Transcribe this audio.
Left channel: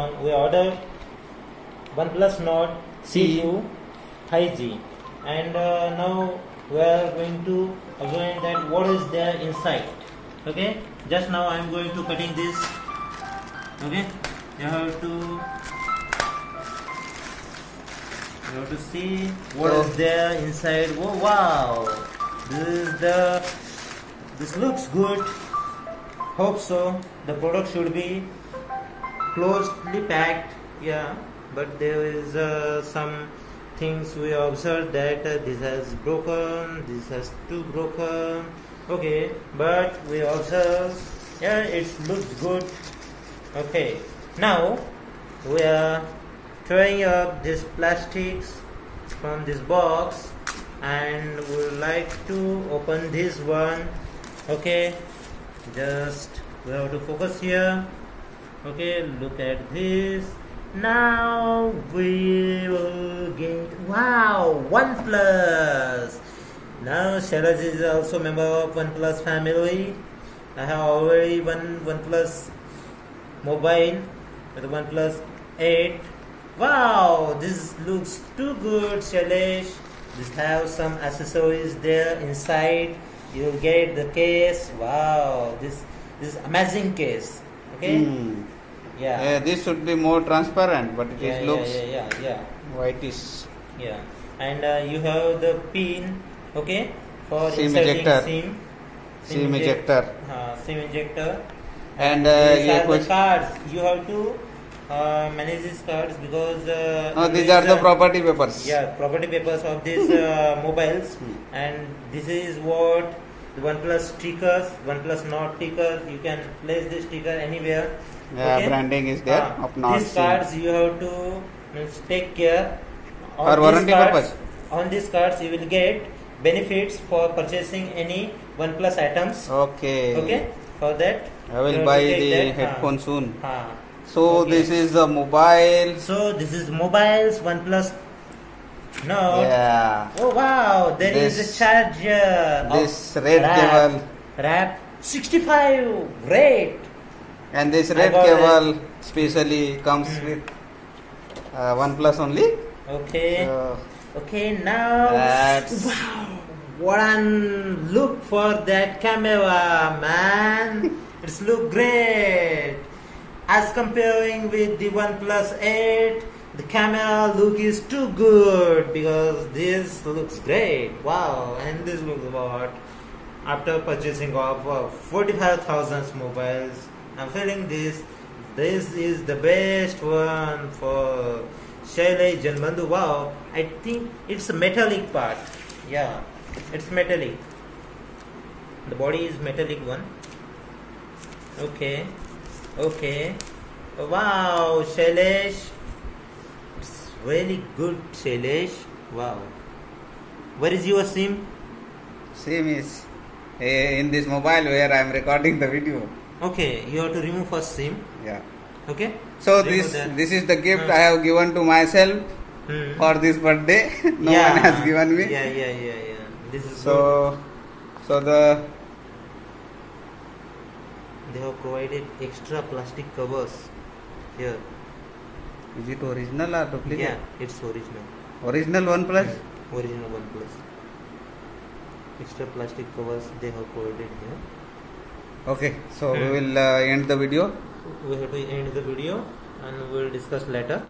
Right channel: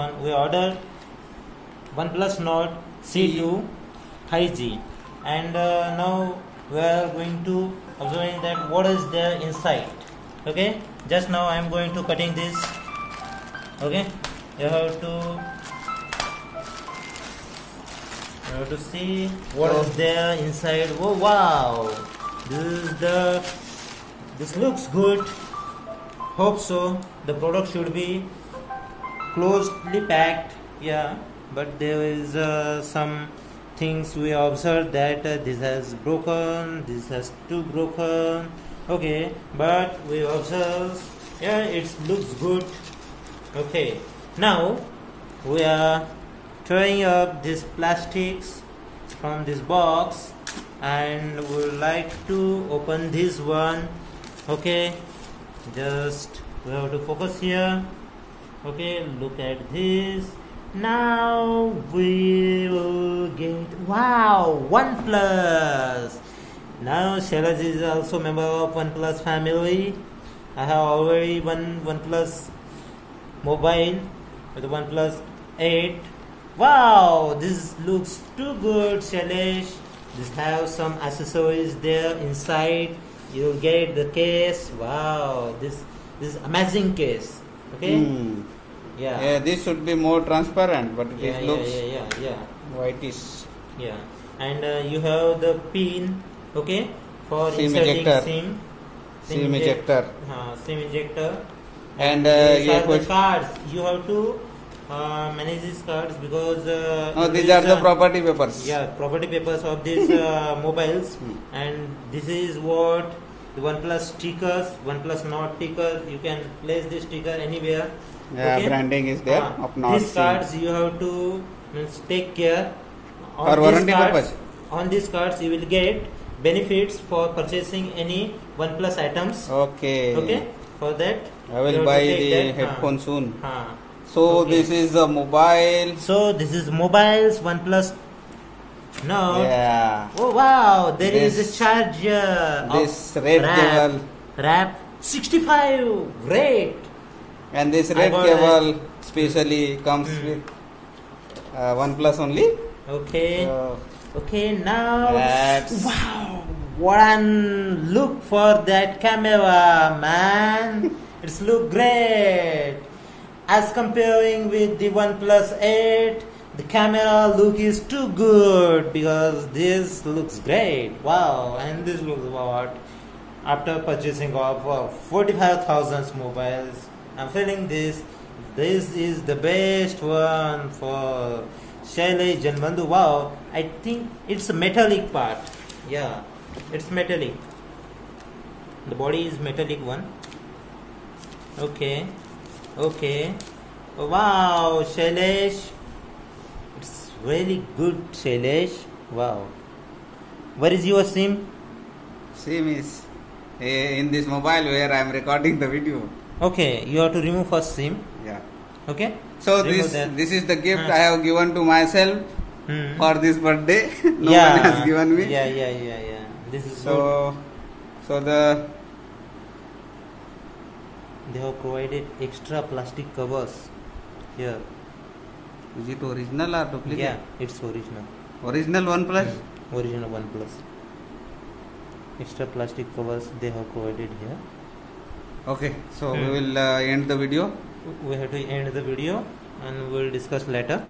one, we ordered OnePlus Nord CE 5G, and now we are going to observe that what is there inside. Okay, just now I am going to cutting this. Okay, you have to see what is there inside. Oh wow, this looks good. Hope so. The product should be closely packed. Yeah, but there is some things we observed that this has broken, this has too broken. Okay, but we observe, yeah, it looks good. Okay, now we are throwing up these plastics from this box, and we would like to open this one. Okay, just we have to focus here. Okay, look at this. Now we will get, wow, OnePlus. Now Shailesh is also member of OnePlus family. I have already one OnePlus mobile with OnePlus 8. Wow, this looks too good, Shailesh. This have some accessories there inside. You get the case. Wow, this amazing case. Okay. Yeah. This should be more transparent, but it looks whitish. Yeah, and you have the pin. Okay, for SIM inserting ejector. SIM ejector. SIM ejector. And these are the cards. You have to manage these cards because these are the property papers. Yeah, property papers of these mobiles. And this is what the OnePlus stickers, OnePlus Nord stickers. You can place this sticker anywhere. Yeah, okay? Branding is there of Nord. These cards you have to take care. For warranty purpose. On these cards you will get benefits for purchasing any OnePlus items. Okay. Okay. For that I will buy the headphone soon. So okay. This is the mobile. So this is mobiles OnePlus Nord. Yeah. Oh wow, there is a charger. This red cable. Wrap 65. Great. And this red cable specially comes with OnePlus only. Okay. Okay, now wow, one look for that camera, man. It's look great. As comparing with the OnePlus 8, the camera look is too good because this looks great. Wow, and this looks what? After purchasing of 45,000 mobiles, I'm feeling this is the best one for Shailesh Janbandhu. Wow, I think it's a metallic part. Yeah, it's metallic. The body is metallic one. Okay. Okay. Wow, Shailesh. It's really good, Shailesh. Wow. Where is your SIM? SIM is in this mobile where I am recording the video. Okay, you have to remove first SIM. Yeah. Okay. So this is the gift I have given to myself for this birthday. No one has given me. Yeah. This is so they have provided extra plastic covers here. Is it original or duplicate? Yeah, it's original. Original OnePlus? Original OnePlus. Extra plastic covers they have provided here. Okay, so we will end the video. We have to end the video and we will discuss later.